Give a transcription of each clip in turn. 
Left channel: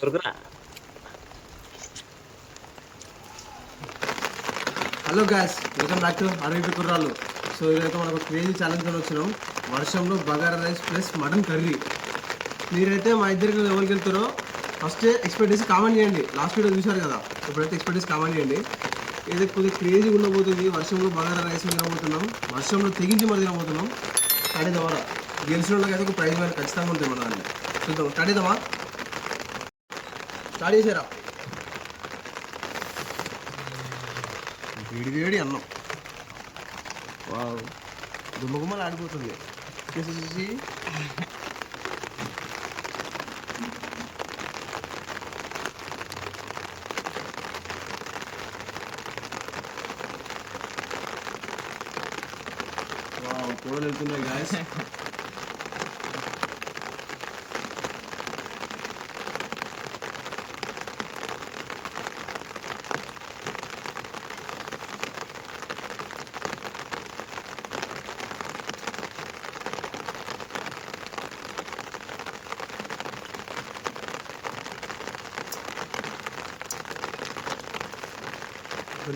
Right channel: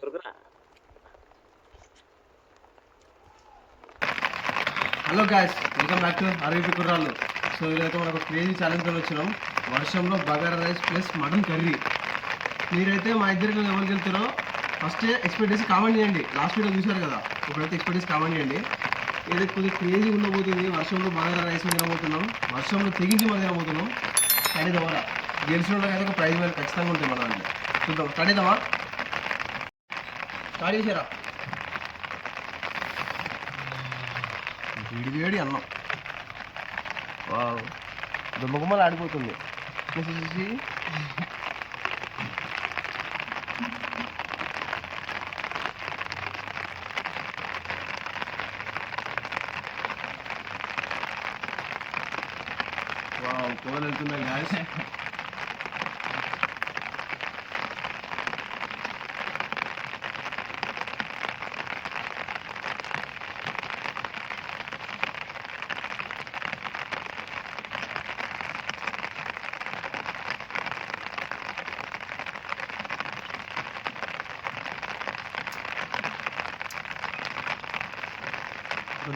Hello guys, welcome back to అరవై కుర్రాళ్ళు. సో ఈరోజు మనకు క్రేజీ ఛాలెంజ్తో వచ్చినాం. వర్షంలో bagara rice plus mutton curry. మీరైతే మా ఇద్దరికి ఎవరికి వెళ్తారో ఫస్ట్ ఎక్స్పెక్ట్ చేసి కామెంట్ చేయండి. లాస్ట్ వీడియో చూశారు కదా, ఇప్పుడైతే ఎక్స్పెక్ట్ చేసి కామెంట్ చేయండి. ఇది కొద్దిగా క్రేజీ ఉండబోతుంది. వర్షంలో బగారా రైస్ తినబోతున్నాం, వర్షంలో తెగించి మరి తినబోతున్నాం. స్టార్ట్ అవుతామా? గెలిచిన వాళ్ళకి అయితే ఒక ప్రైజ్ మీద ఖచ్చితంగా ఉంటుంది మన అంటే. చూద్దాం, స్టార్ట్ అవుతామా? స్టార్ట్ చేసారా? వేడి వేడి అన్నం, వావ్, దుమ్మగుమ్మలు ఆడిపోతుంది. చూసి వావ్, కూరలు వెళ్తున్నాయి గాయస్.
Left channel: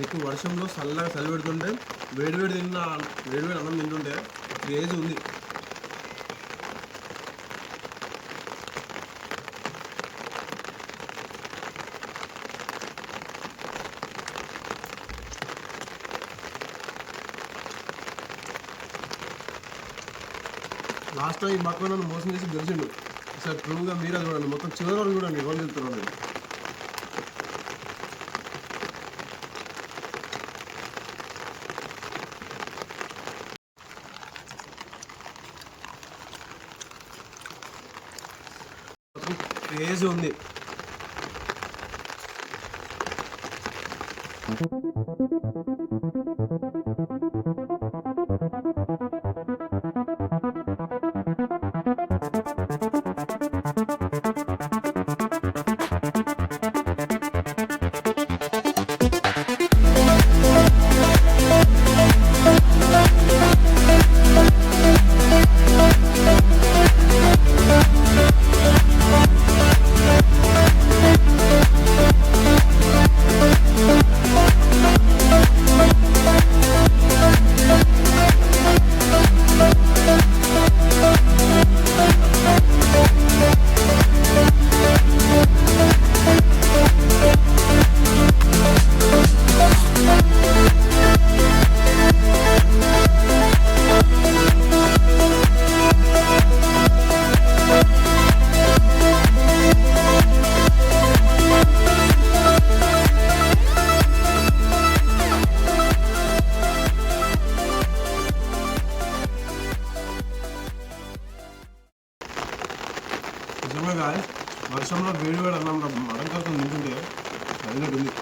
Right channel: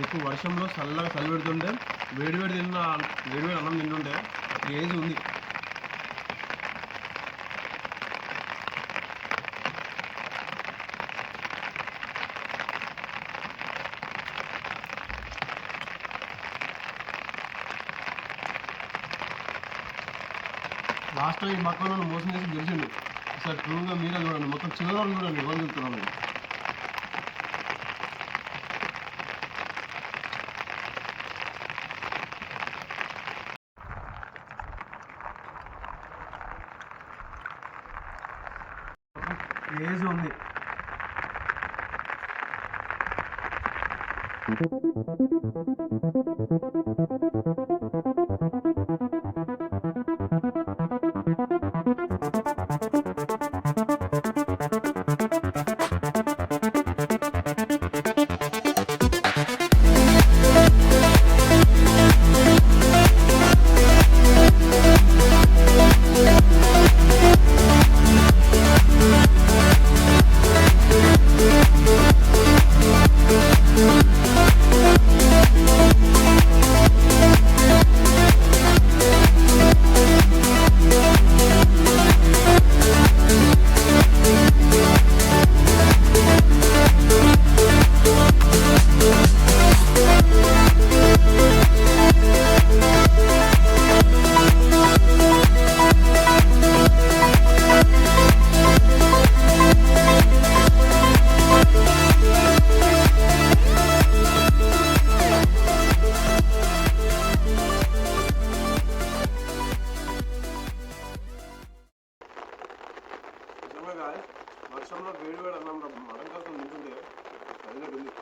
ఎక్కువ వర్షంలో చల్లగా చలి పెడుతుంటే వేడివేడి అన్నం తింటుంటే క్రేజీ ఉంది. లాస్ట్ టైం ఈ బక్క నన్ను మోసం చేసి గెలిచిండు. సార్ ట్రూగా మీరే చూడండి, మొత్తం చివరి వాళ్ళు చూడండి ఎవరు చెప్తున్నాను. క్రేజీ ఉంది. నిజంగా గాయస్, వర్షంలో వేడి అన్నం మటన్ కోసం తింటుంటే హైలైట్ ఉంది.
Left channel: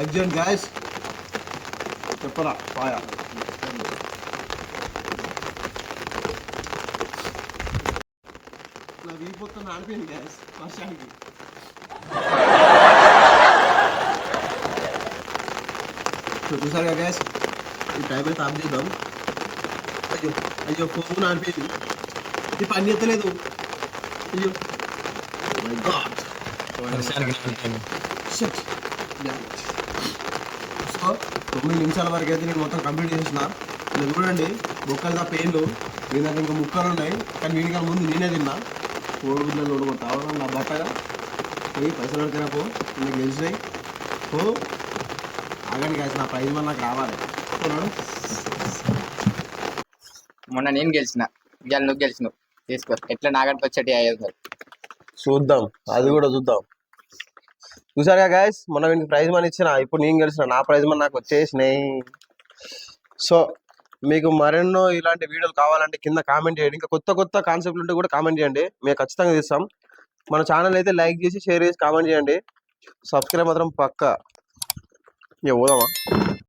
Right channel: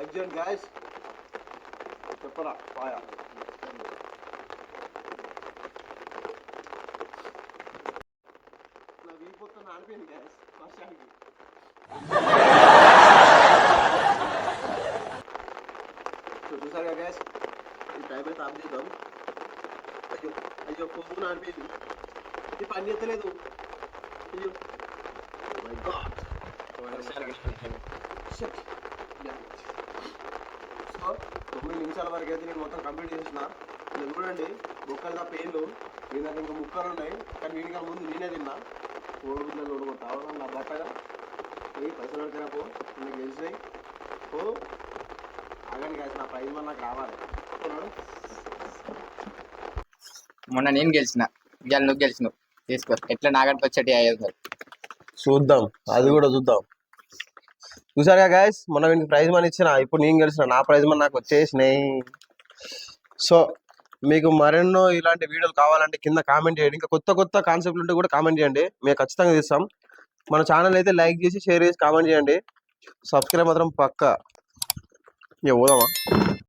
లైక్ చేయండి గాయస్. చెప్పరా పాయ నా వీపోతే నాడిపోయింది గాయస్ వర్షానికి. చూసారుగా గ్యాస్, ఈ టైం అయితే ఆఫ్ చేద్దాం. అయ్యో అయ్యో ఫోన్ ఆడిపోయింది, ఇది పని ఎత్తలేదు. అయ్యో సో 9 నిమిషాల వరకు అయితే నేను మొత్తం కంప్లీట్ చేసిన. ఇలా చూడండి బొక్కలుగా పెయిన్లు, మీ దగ్గర ఇంకా ముక్కలు ఉన్నాయి కానీ వీడికి ముందు నేనే తిన్నా. కోడిగుడ్లలో తావడం నా బట్టగా పోయి పైసలు పడితేనా పో, నాకు గెలిచినాయి పో. ఆగండి కాదు, నా ప్రైజ్ మన నాకు రావాలి. మొన్న నేను గెలిచిన, ఇవాళ నువ్వు గెలిచినావు. తీసుకో, ఎట్లా నాగడికి వచ్చేటి 500. చూద్దాం, అది కూడా చూద్దాం. చూసారుగా గాయస్, మొన్న వీనికి ప్రైజ్ మనీ ఇచ్చిన, ఇప్పుడు నేను గెలిచిన, నా ప్రైజ్ మనీ నాకు వచ్చేసినాయి. సో మీకు మరెన్నో ఇలాంటి వీడియోలు కావాలంటే కింద కామెంట్ చేయండి. ఇంకా కొత్త కొత్త కాన్సెప్ట్లు ఉంటే కూడా కామెంట్ చేయండి, మేము ఖచ్చితంగా తీస్తాం. మన ఛానల్ అయితే లైక్ చేసి షేర్ చేసి కామెంట్ చేయండి. సబ్స్క్రైబ్ మాత్రం పక్కా. ఇక పోదామా.